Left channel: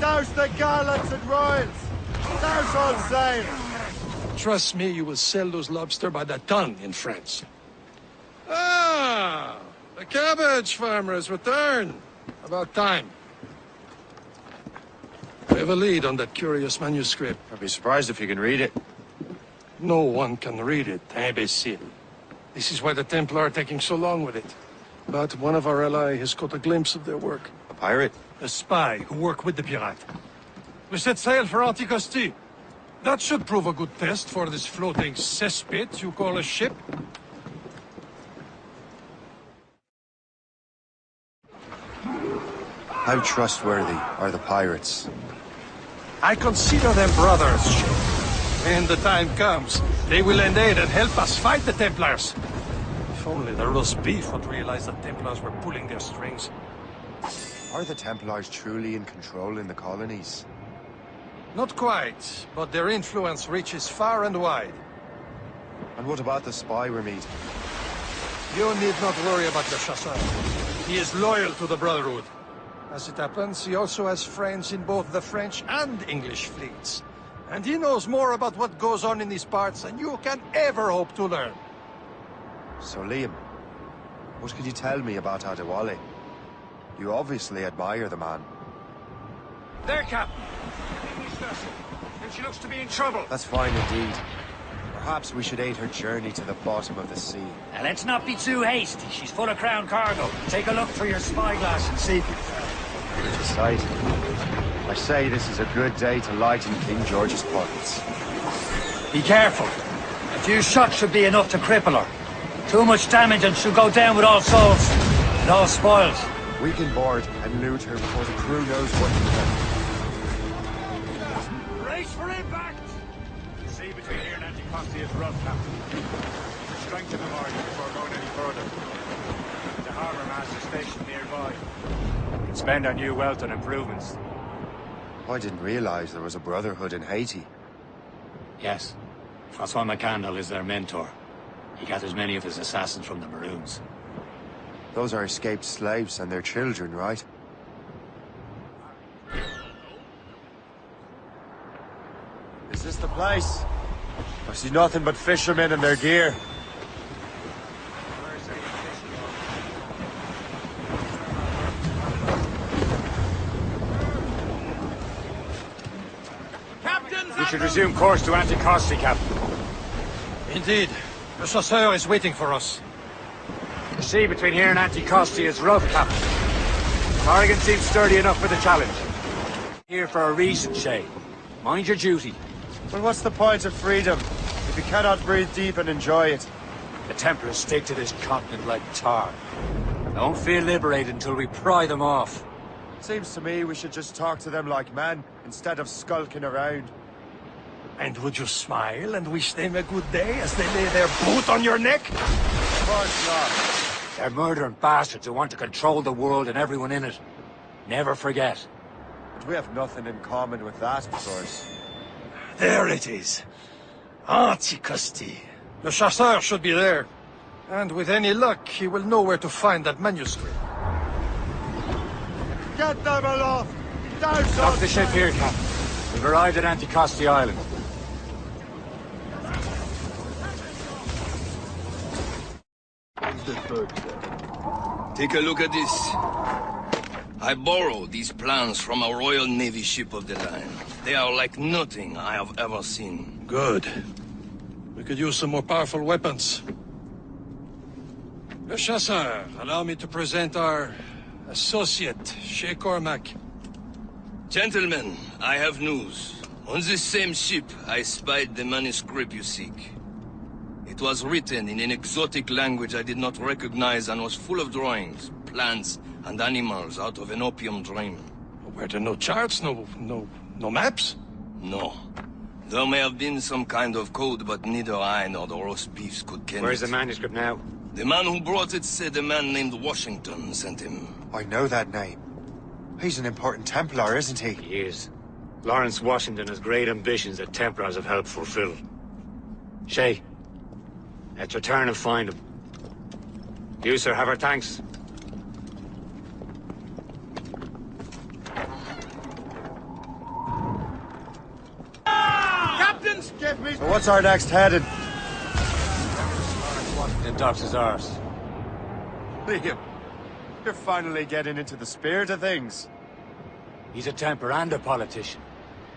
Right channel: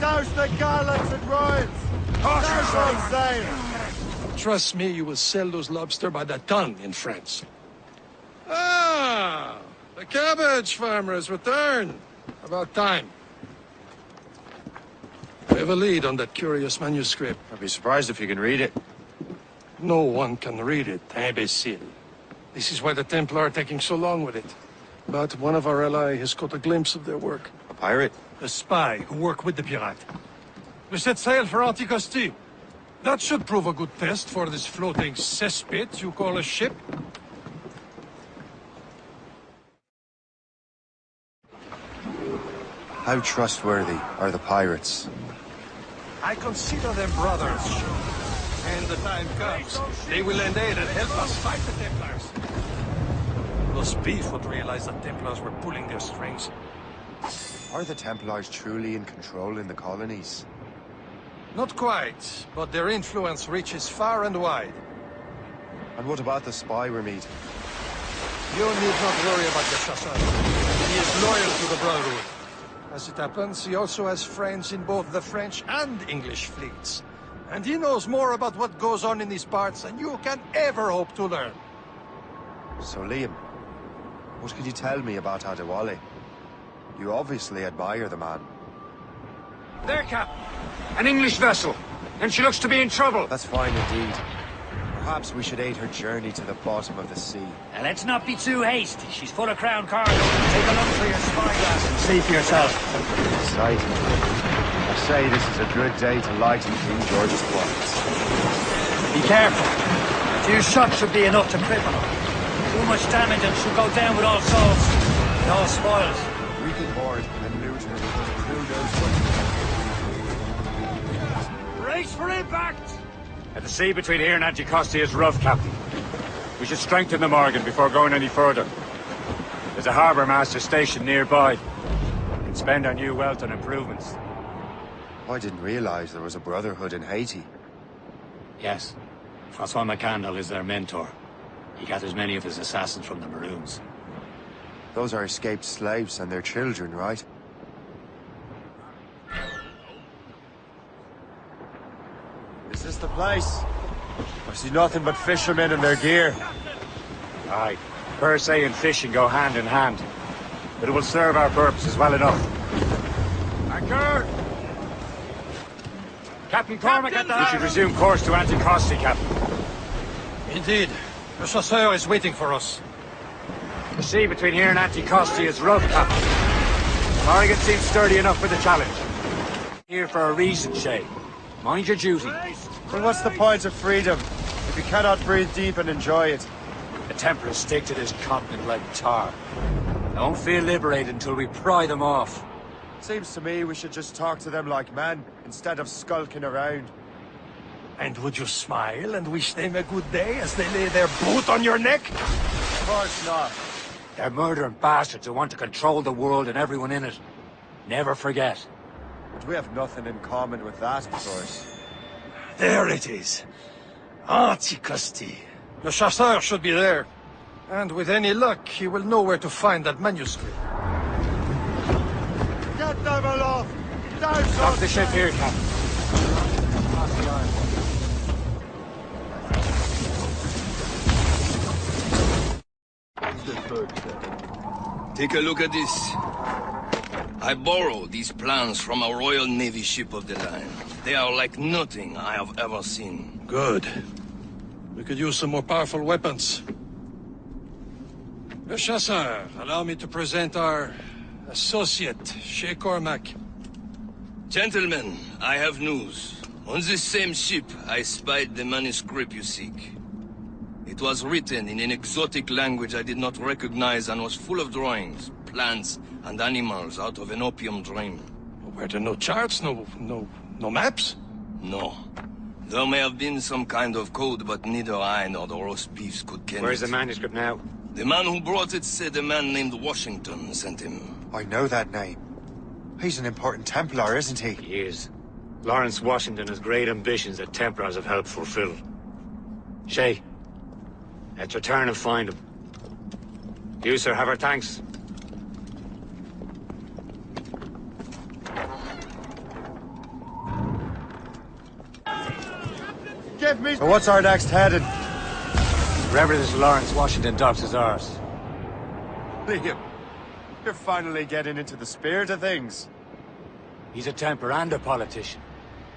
Douse the garlands and royals! Douse all sail! Trust me, you will sell those lobster by the ton in France. Ah! The cabbage farmer has returned. About time. We have a lead on that curious manuscript. I'd be surprised if you can read it. No one can read it, imbecile. This is why the Templar are taking so long with it. But one of our allies has caught a glimpse of their work. A pirate? A spy who worked with the pirate. We set sail for Anticosti. That should prove a good test for this floating cesspit you call a ship. How trustworthy are the pirates? I consider them brothers. When the time comes, they will aid and help us fight the Templars. If only the roast beef would realize the Templars were pulling their strings. Are the Templars truly in control in the colonies? Not quite, but their influence reaches far and wide. And what about the spy we're meeting? You need not worry about the Chasseur. He is loyal to the Brotherhood. As it happens, he also has friends in both the French and English fleets. And he knows more about what goes on in these parts than you can ever hope to learn. So, Liam, what can you tell me about Adewale? You obviously admire the man. There, Captain. An English vessel. And she looks to be in trouble. That's fine indeed. Perhaps we should aid her journey to the bottom of the sea. Now, let's not be too hasty. She's full of crown cargo. Take a look through your spyglass and see for yourself. It's tight. I say this is a good day to lighten King George's pockets. Be careful. A few shots should be enough to cripple her. Too much damage and she'll go down with all souls. And all spoils. We can board and loot her before the crew knows what to do. The sea between here and Anticosti is rough, Captain. We should strengthen the Morgan before going any further. There's a harbour master stationed nearby. We can spend our new wealth on improvements. I didn't realize there was a brotherhood in Haiti. Yes. Francois McCandle is their mentor. He gathers many of his assassins from the Maroons. Those are escaped slaves and their children, right? Is this the place? I see nothing but fishermen and their gear. Aye. Per se and fishing go hand in hand. But it will serve our purposes well enough. Anchor! Captain Cormac, we should resume course to Anticosti, Captain. Indeed. The Chasseur is waiting for us. The sea between here and Anticosti is rough, Captain. Corrigan seems sturdy enough for the challenge. Here for a reason, Shay. Mind your duty. Well, what's the point of freedom if you cannot breathe deep and enjoy it? The Templars stick to this continent like tar. Don't feel liberated until we pry them off. Seems to me we should just talk to them like men, instead of skulking around. And would you smile and wish them a good day as they lay their boot on your neck? Of course not. They're murdering bastards who want to control the world and everyone in it. Never forget. But we have nothing in common with that, of course. There it is. Anticosti. The Chasseur should be there. And with any luck, he will know where to find that manuscript. Get them aloft! Dock the ship here, Captain. We've arrived at Anticosti Island. Take a look at this. I borrowed these plans from a Royal Navy ship of the line. They are like nothing I have ever seen. Good. We could use some more powerful weapons. Le Chasseur, allow me to present our associate, Shay Cormac. Gentlemen, I have news. On this same ship, I spied the manuscript you seek. It was written in an exotic language I did not recognize and was full of drawings, plants, and animals out of an opium dream. Were there no charts, no maps? No. There may have been some kind of code, but neither I nor the roast beefs could ken Where's it. the manuscript now? The man who brought it said a man named Washington sent him. I know that name. He's an important Templar, isn't he? He is. Lawrence Washington has great ambitions that Templars have helped fulfill. Shay, let's return and find him. You, sir, have our thanks. give me... So what's our next heading? Wherever this Lawrence Washington docks is ours. Liam, you're finally getting into the spirit of things. He's a Templar and a politician.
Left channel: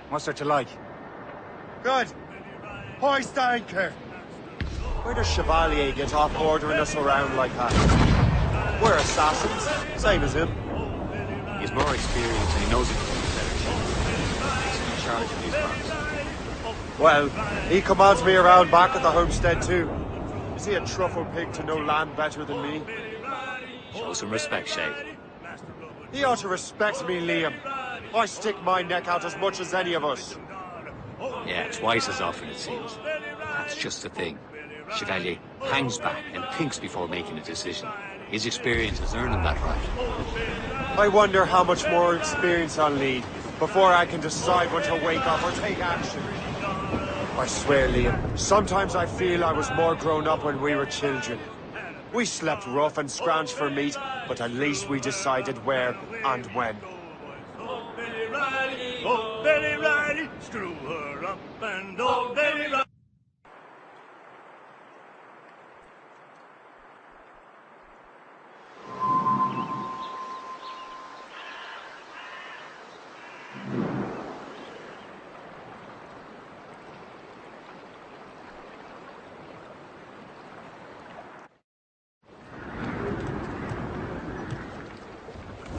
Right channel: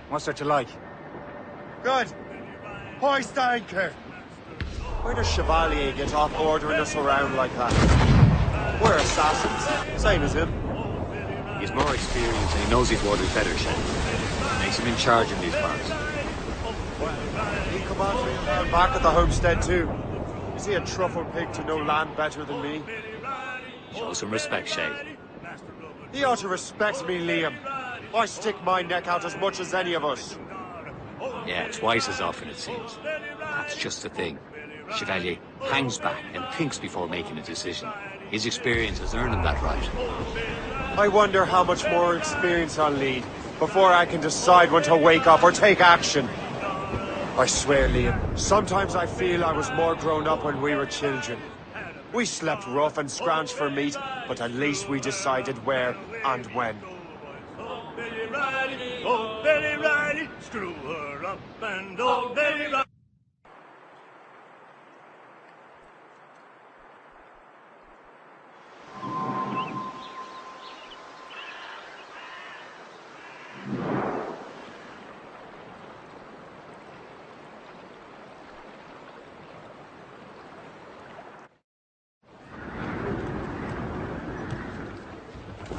What's there to like? Good. Hoist anchor. Where does Chevalier get off? We're assassins. Same as him. He's more experienced and he knows he's ordered better shit. Makes him in charge of these things. Well, he commands me around back at the homestead too. Is he a truffle pig to know land better than me? Show some respect, Shay. He ought to respect me, Liam. I stick my neck out as much as any of us. Yeah, twice as often it seems. That's just the thing. Chevalier hangs back and thinks before making a decision. His experience has earned him that right. I wonder how much more experience I'll need before I can decide when to wake up or take action. I swear, Liam, sometimes I feel I was more grown up when we were children. We slept rough and scrounged for meat, but at least we decided where and when. Old Betty Riley, screw her up, and old Betty Riley.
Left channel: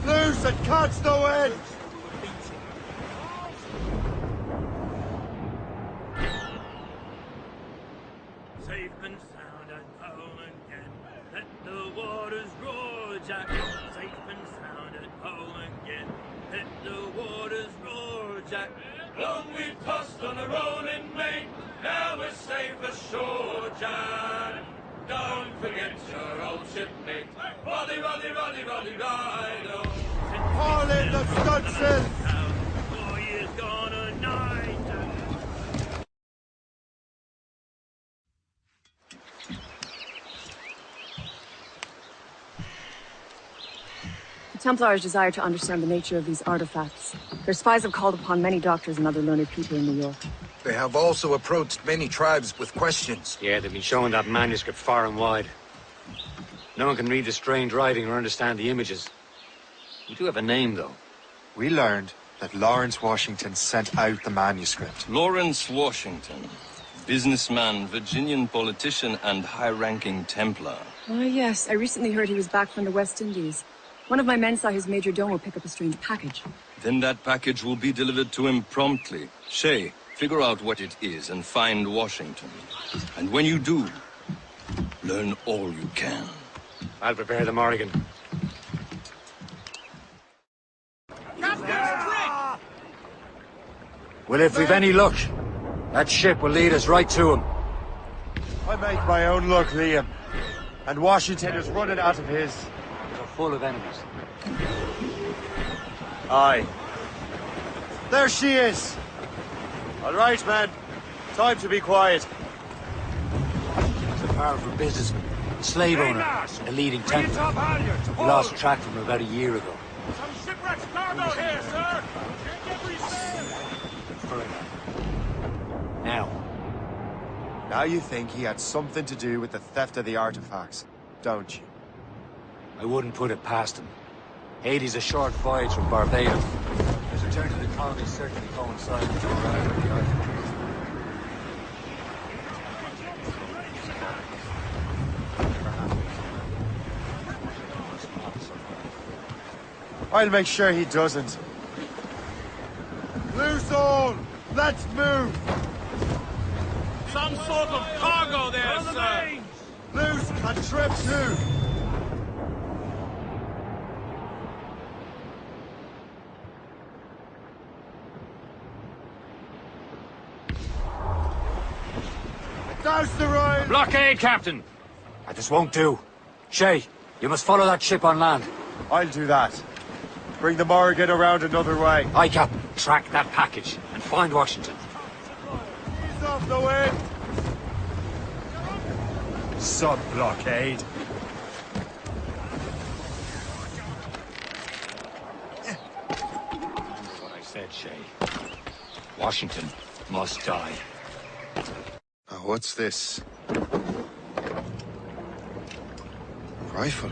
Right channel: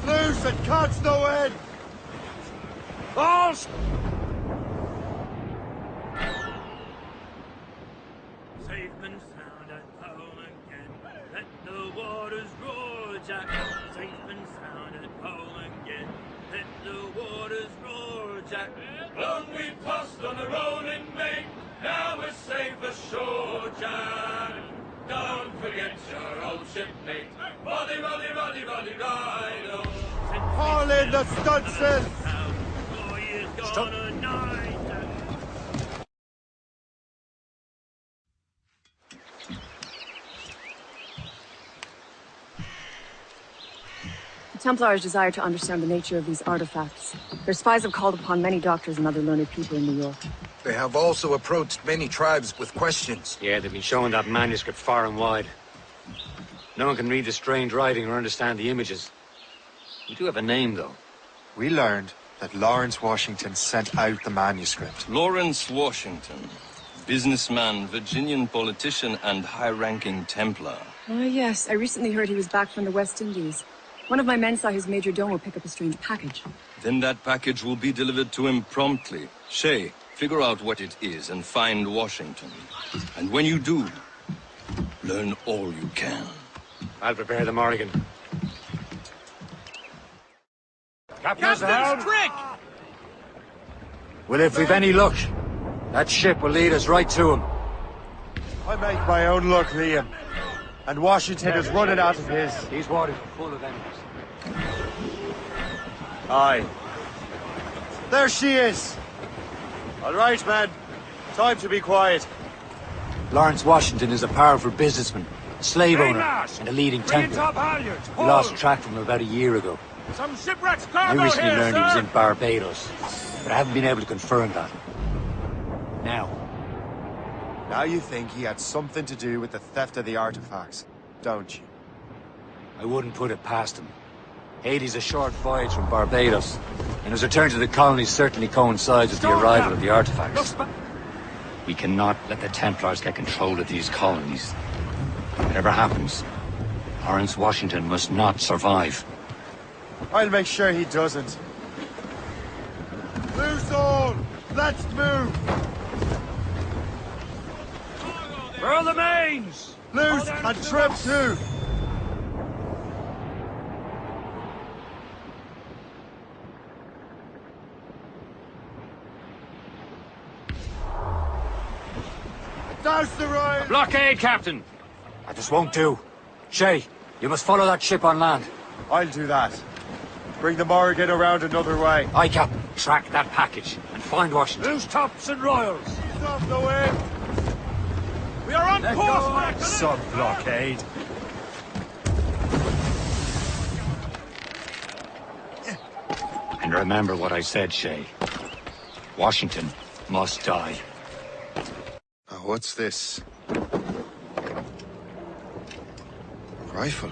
Loose and cuts no end! Balls! Safe and sound and home again. Let the waters roar, Jack. Safe and sound and home again. Let the waters roar, Jack. Long we've tossed on the rolling main. Now we're safe ashore, Jack. Don't forget your old shipmate. Roddy, Roddy, Roddy, Roddy, ride on. Haul in the stunsails! The Templars desire to understand the nature of these artifacts. Their spies have called upon many doctors and other learned people in New York. They have also approached many tribes with questions. Yeah, they've been showing that manuscript far and wide. No one can read the strange writing or understand the images. We do have a name, though. We learned that Lawrence Washington sent out the manuscript. Lawrence Washington. Businessman, Virginian politician, and high-ranking Templar. Ah, yes. I recently heard he was back from the West Indies. One of my men saw his major domo pick up a strange package. Then that package will be delivered to him promptly. Shay, figure out what it is and find Washington. And when you do, learn all you can. I'll prepare the Morrigan. Captain's trick! Well, if we've any luck, that ship will lead us right to him. I make my own luck, Liam. And Washington is running after his. These waters are full of enemies. Aye. Be quiet. Lawrence Washington is a powerful businessman, a slave owner, and a leading Templar. We lost track of him about a year ago. Some shipwreck's I cargo recently here, learned he was sir! in Barbados, but I haven't been able to confirm that. Now you think he had something to do with the theft of the artifacts, don't you? I wouldn't put it past him. Haiti's a short voyage from Barbados, and his return to the colonies certainly coincides with the arrival of the artifacts. We cannot let the Templars get control of these colonies. Whatever happens, Lawrence Washington must not survive. I'll make sure he doesn't. Loose all! Let's move! Some sort of cargo there! Furl the mains! Loose and trip too! Douse the royal! Blockade, Captain! This won't do. Shay, you must follow that ship on land. I'll do that. Bring the Morrigan around another way. Aye, Captain. Track that package and find Washington. Loose tops and royals! He's off the wind! We are on course, Max! Sub-blockade. And remember what I said, Shay. Washington must die. What's this? A rifle?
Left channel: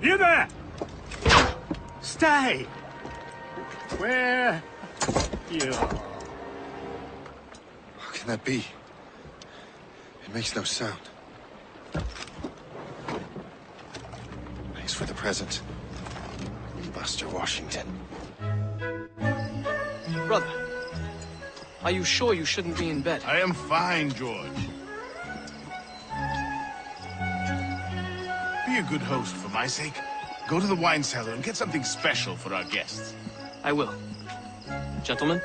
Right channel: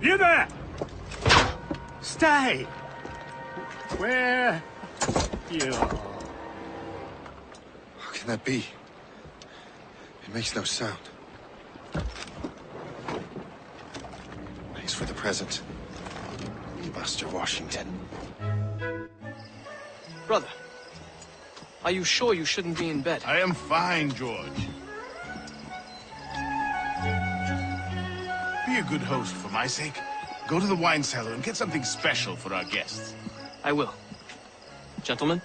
You there! Stay! Where? You. How can that be? It makes no sound. Thanks for the present, Master Washington. Brother, are you sure you shouldn't be in bed? I am fine, George. Be a good host for my sake. Go to the wine cellar and get something special for our guests. I will. Gentlemen?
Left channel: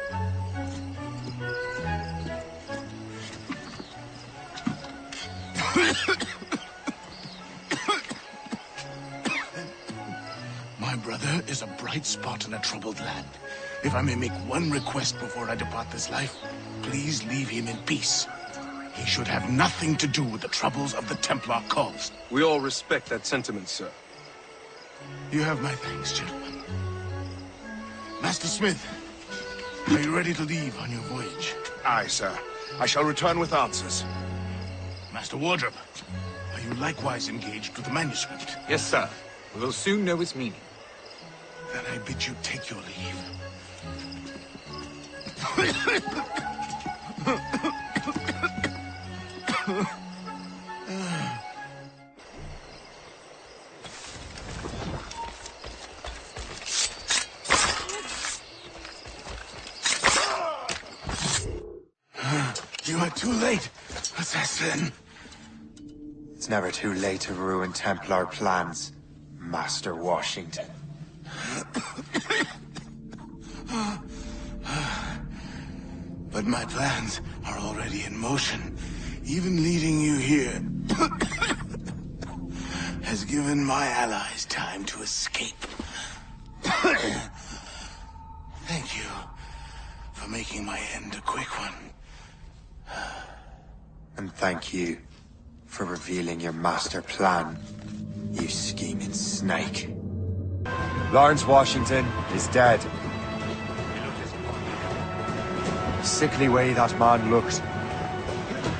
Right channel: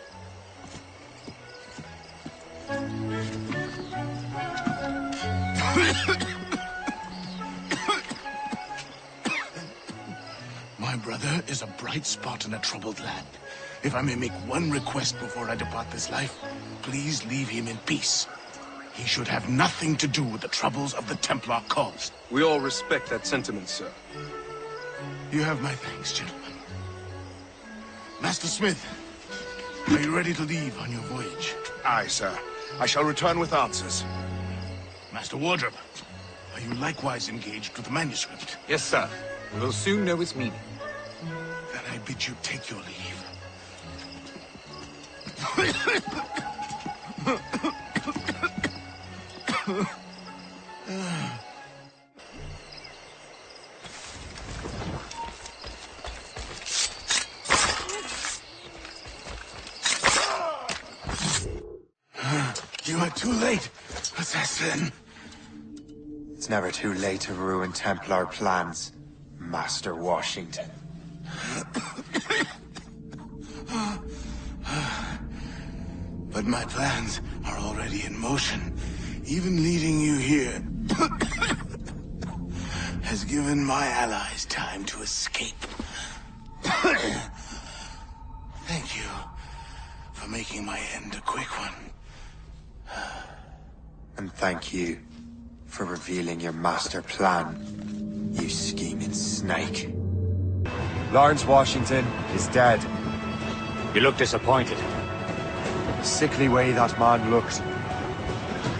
My brother is a bright spot in a troubled land. If I may make one request before I depart this life, please leave him in peace. He should have nothing to do with the troubles of the Templar cause. We all respect that sentiment, sir. You have my thanks, gentlemen. Master Smith, are you ready to leave on your voyage? Aye, sir. I shall return with answers. Master Wardrop, are you likewise engaged with the manuscript? Yes, sir. We will soon know its meaning. Then I bid you take your leave. You are too late, assassin. It's never too late to ruin Templar plans, Master Washington. But my plans are already in motion. Even leading you here has given my allies time to escape. Thank you for making my end a quick one. And thank you for revealing your master plan, you scheming snake. Lawrence Washington is dead. You look disappointed. The sickly way that man looked.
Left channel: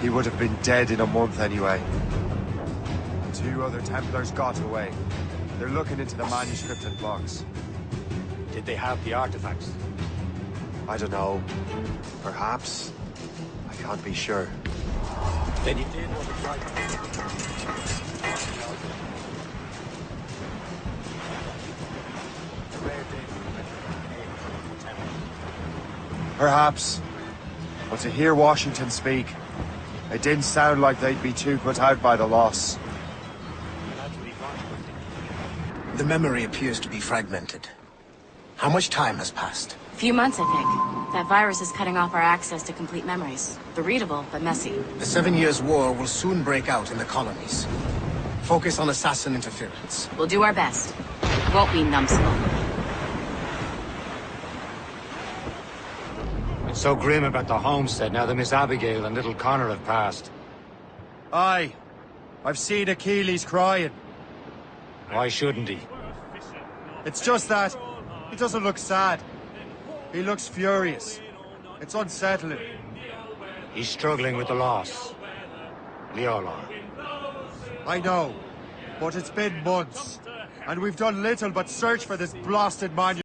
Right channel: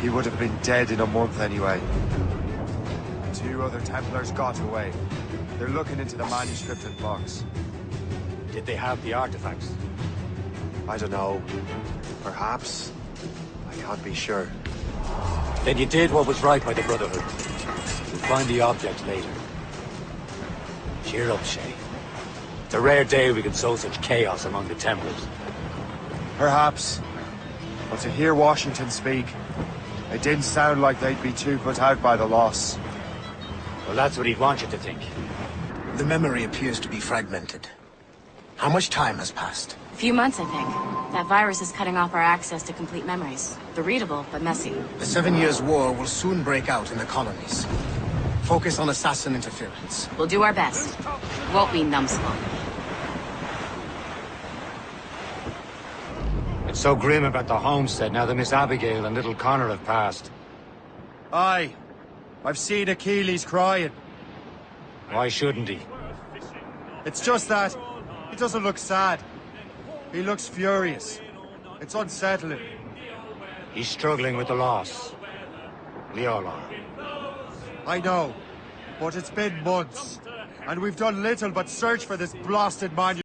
He would have been dead in a month anyway. And 2 other Templars got away. They're looking into the manuscript and box. Did they have the artifacts? I don't know. Perhaps. I can't be sure. Then you did what was right by the Brotherhood. We'll find the object later. Cheer up, Shay. It's a rare day we can sow such chaos among the Templars. Perhaps. But to hear Washington speak, it didn't sound like they'd be too put out by the loss. Well, that's what he'd want you to think. The memory appears to be fragmented. How much time has passed? A few months, I think. That virus is cutting off our access to complete memories. They're readable, but messy. The 7 Years' War will soon break out in the colonies. Focus on assassin interference. We'll do our best. Won't be numbskull. It's so grim about the homestead now that Miss Abigail and little Connor have passed. Aye. I've seen Achilles crying. Why shouldn't he? It's just that he doesn't look sad. He looks furious. It's unsettling. He's struggling with the loss. We all are. I know, but it's been months, and we've done little but search for this blasted man.